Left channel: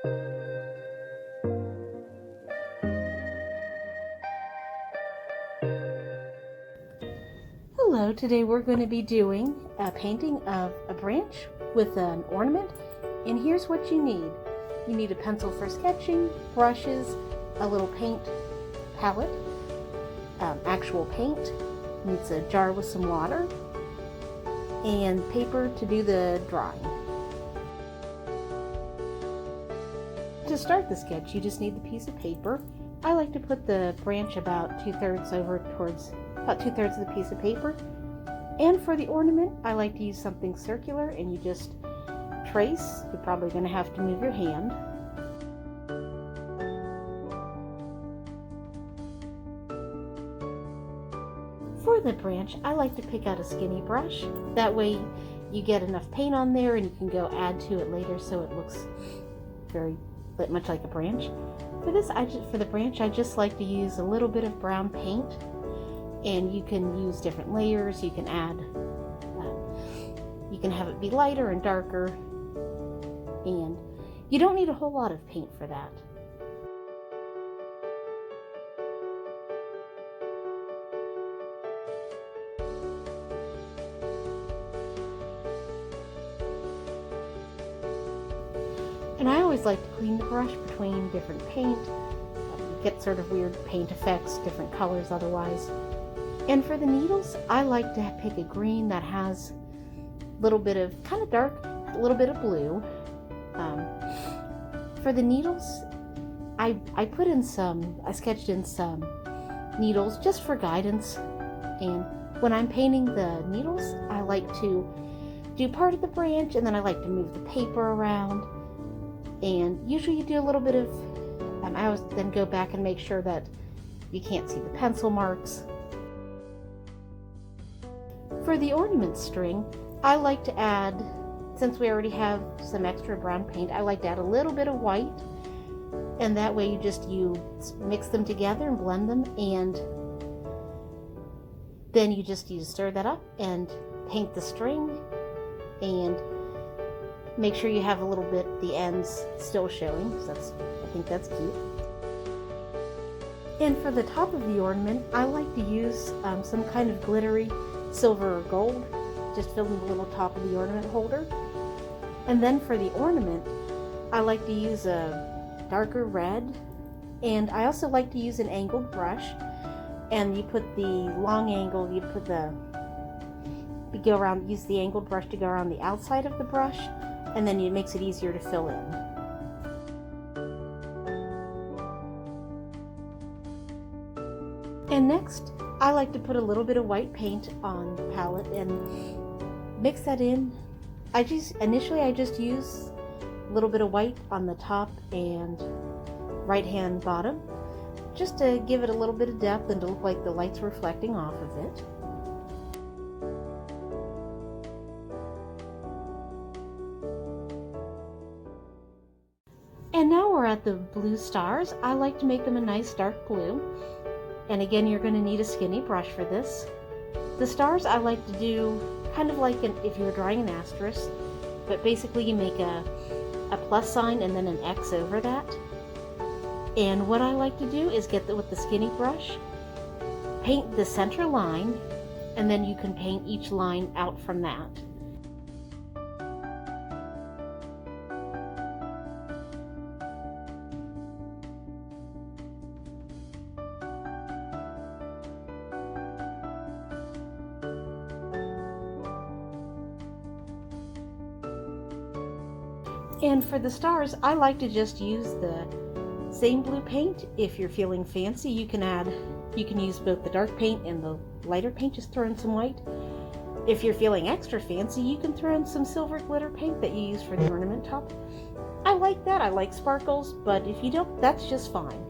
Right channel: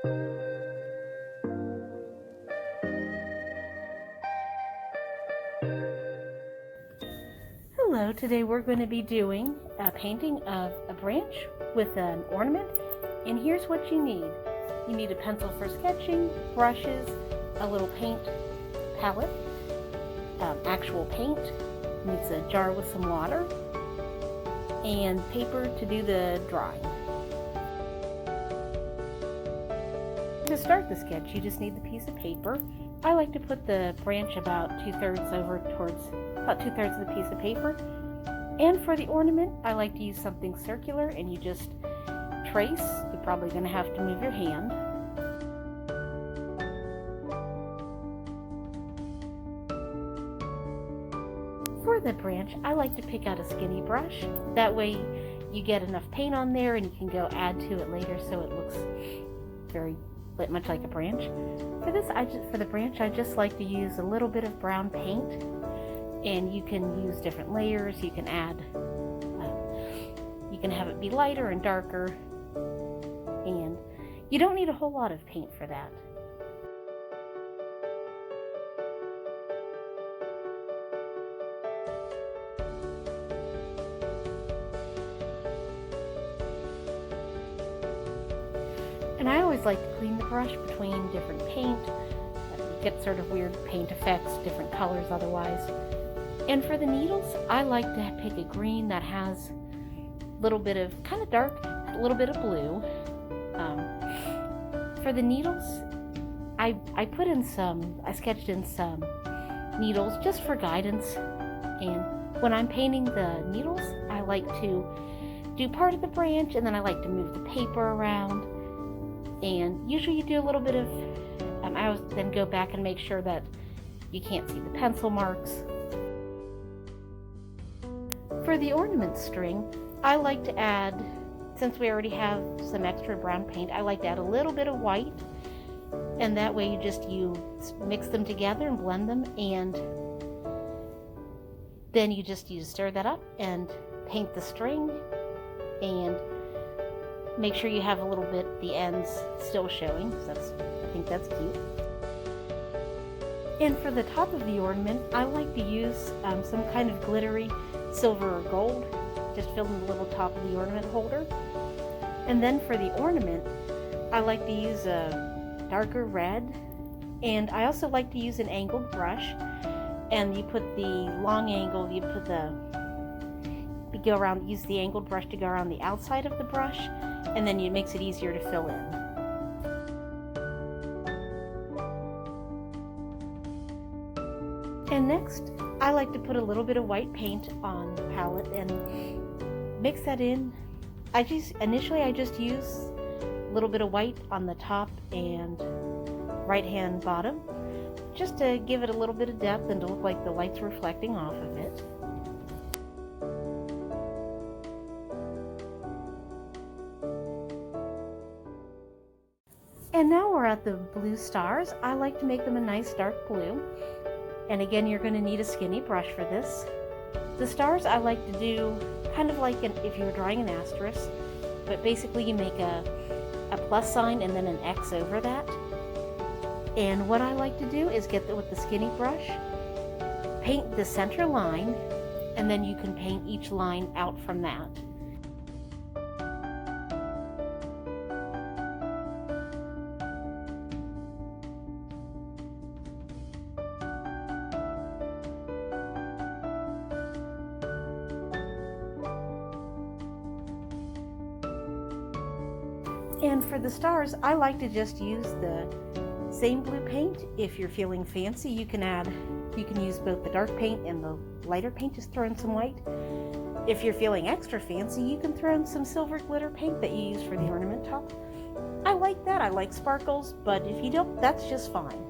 Hello, today we're going to be doing a painting of a branch with an ornament, and here's what you need. You need a pencil for sketching, brushes, a little paint palette, actual paint, needs a jar with some water, and paper to do the drawing. To start the sketch, you just need the piece of paper. I like to put the branch about two-thirds over towards about two-thirds of the piece of paper. And for the ornament, I like to use something circular, and you just trace. You're probably going to have to move your hand. For the branch, I like to pick out a skinny brush. That way you get enough paint on there and you can go add to it later so it looks very much like a branch. For this, for the branch, I just like to use a little bit of brown paint, and you can use different layers. You can add, you can have it be lighter and darker, and you don't need a whole lot of paint for that. And I always like to clean the brush between different paint. You get sort of weird paint effects, different colors otherwise. And for the needles, I like to pick a green that has a little bit of kind of dark, a little bit of blue. For the needles, I sketched in some needles just for guidance. And when I'm painting the needles, I like to do part of the branch, and then I like to move the paper around. And usually you do a little bit of, I always then go back and make sure that you can't see the pencil marks. For the ornament string, I like to add, since we already have some extra brown paint, I like to add a little bit of white, and that way you mix them together and blend them, and then you stir that up and paint the string, and make sure you have a little bit, the ends still showing, because I think that's cute. And for the top of the ornament, I like to use some kind of glittery silver or gold, just filling the little top of the ornament holder. And then for the ornament, I like to use a darker red, and I also like to use an angled brush. And you put the long angle, use the angled brush to go around the outside of the brush, and then it makes it easier to fill in. And next, I like to put a little bit of white paint on the palette and mix that in. Initially I just use a little bit of white on the top and right hand bottom, just to give it a little bit of depth and to look like the light's reflecting off of it. And now we're at the blue stars. I like to make them a nice dark blue. And again, you're going to need a skinny brush for this. The stars I like to do kind of like if you were drawing an asterisk, but basically you make a plus sign and then an X over that. And what I like to do is with the skinny brush, paint the center line, and then you can paint each line out from that. And for the stars, I like to just use the same blue paint. If you're feeling fancy, you can use both the dark paint and the lighter paint, just throw in some white. If you're feeling extra fancy, you can throw in some silver glitter paint that you use for the ornament top. I like that, I like sparkles, but if you don't, that's just fine.